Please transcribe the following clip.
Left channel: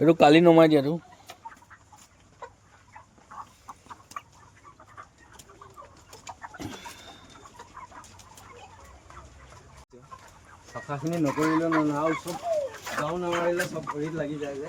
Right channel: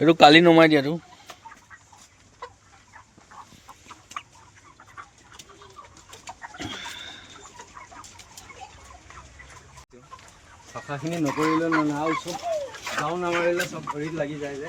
এইটো কালি নমাই দিয়াটো চাফাখিনি নকৰিলে আৰু চব গাঁও নামাৰিলে চব ভৰিত লাগি যায় যে